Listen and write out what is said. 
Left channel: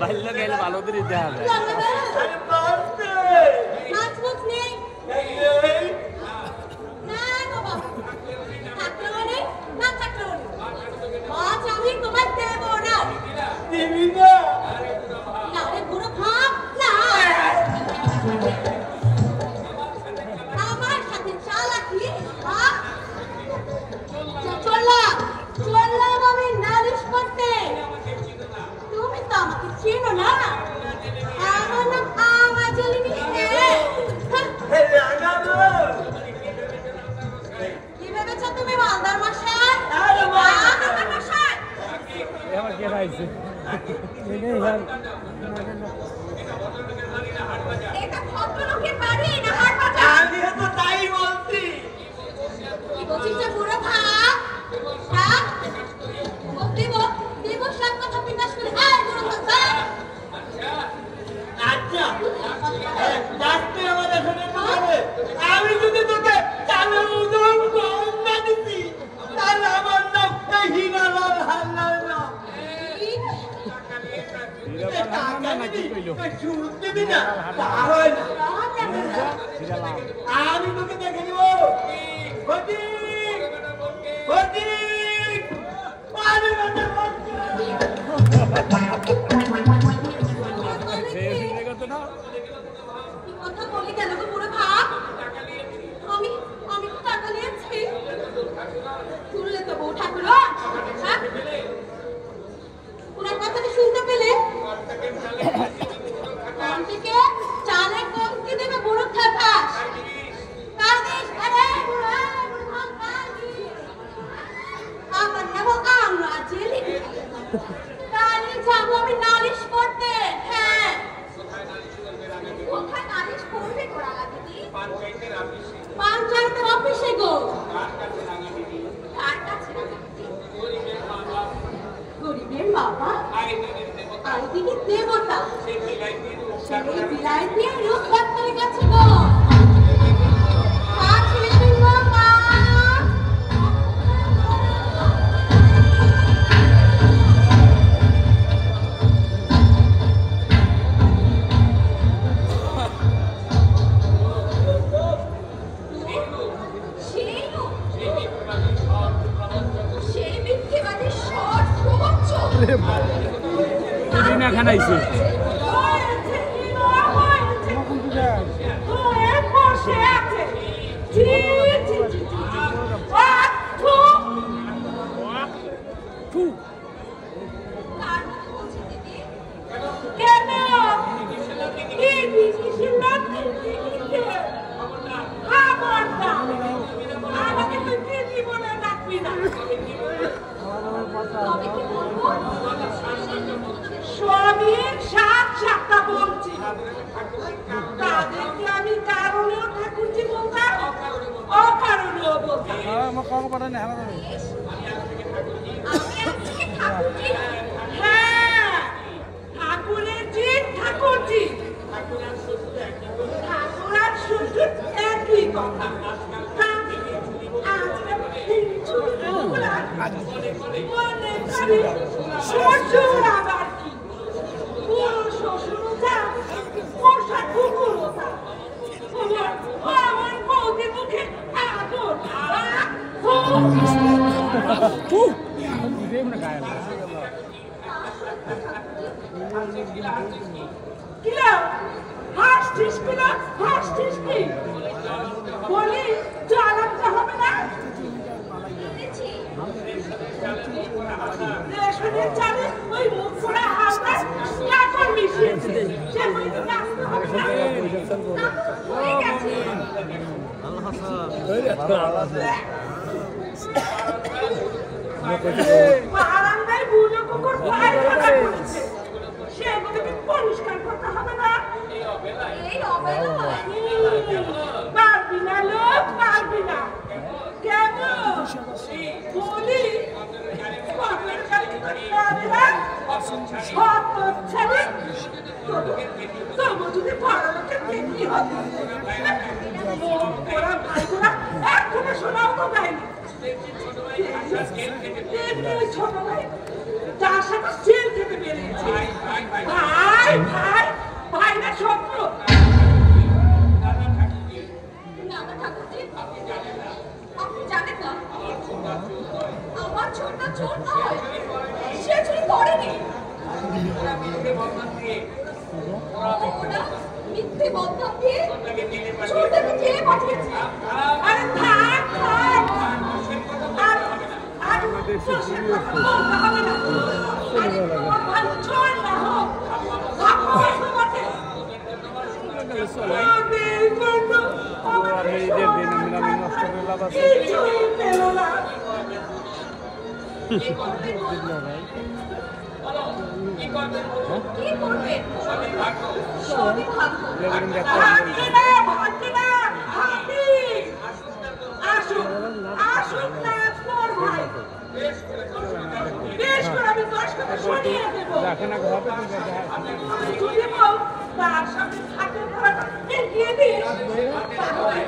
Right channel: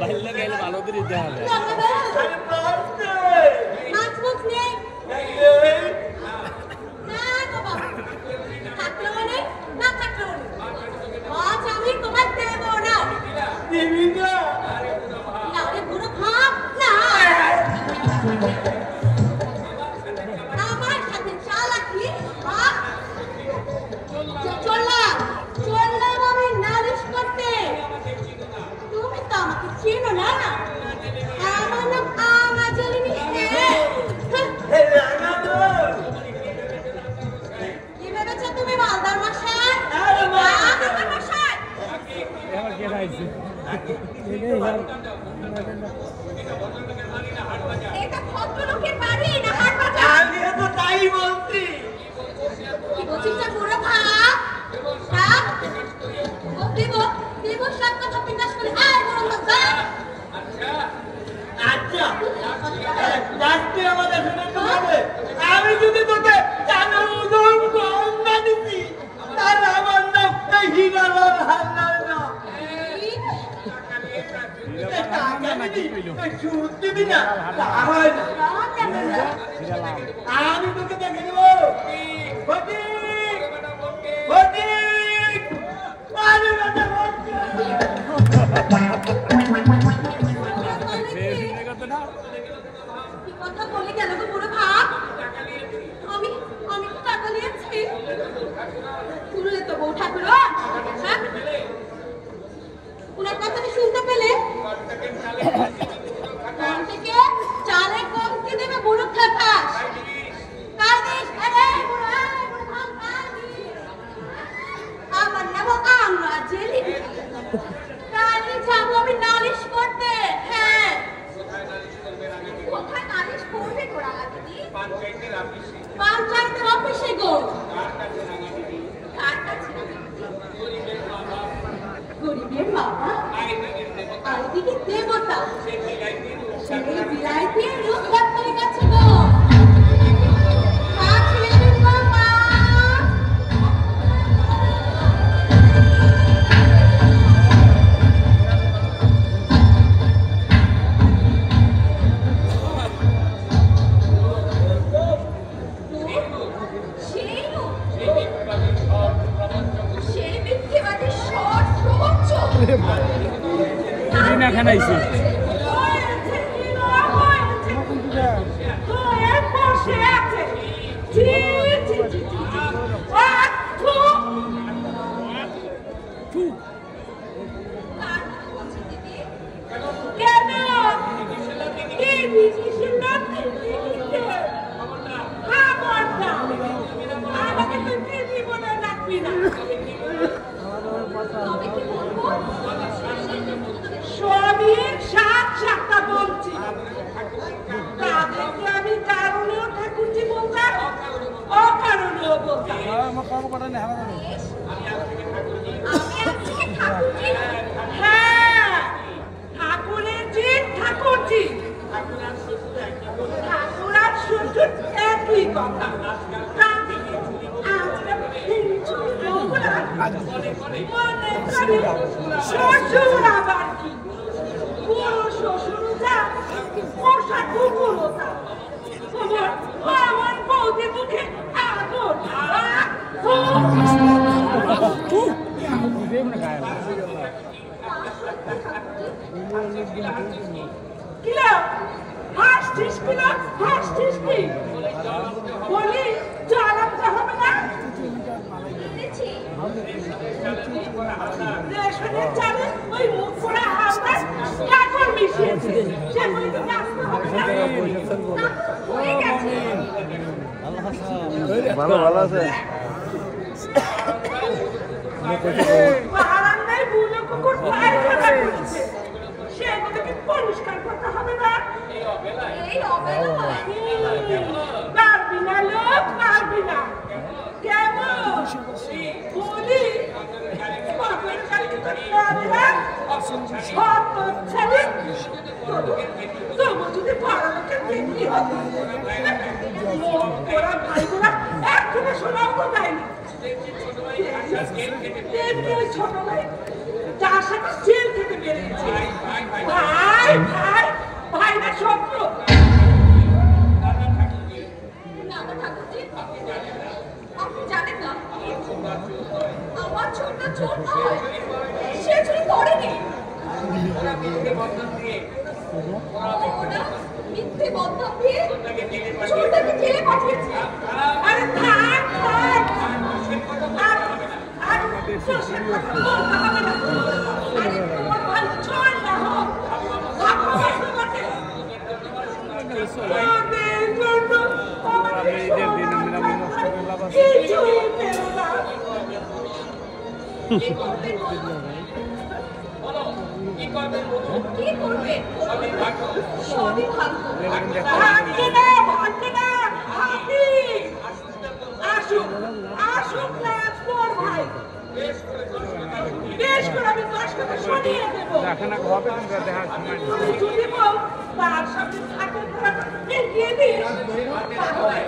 বাল্য গেলে ভালো করে দিতে হবে। আমি তোকে দেখে নেব। পঞ্চায়েতের অফিসে গো। গরিবের বাবা আর দিকে দেবতা, সেই বিলাইতে রূপ ডাক্তারের কাছে গো। তেমনি ওই ছোট ভাই যার সাথে জেল থেকে বেরিয়েছে। ভাই ভাই ভাই না শত্রু। না না ঠাকুরজি, আপনি জানেন না আমার ছোটটা চোর নয়, সে চুরি করেনি। ওরা মিথ্যে বন্ধন দিয়ে চোরটাকে জেলে পাঠিয়েছে। আরে থাক থাক, আর দোষের কথা বলতে হবে না। আরে তোমার ভাই চোর না হোক, লাখো বছর বটে। কিছুই পেল না। কি করবে? সবই ভাগ্য। ভাগ্যে না, ভাগ্যে না, ভাগ্যে। আসুক, আসুক না তোর ভাই। বেশ করে আমি দশ টাকা সরিয়ে দেবো। যদি বল তার সাথে থাকে এগিয়ে দিস, তাহলে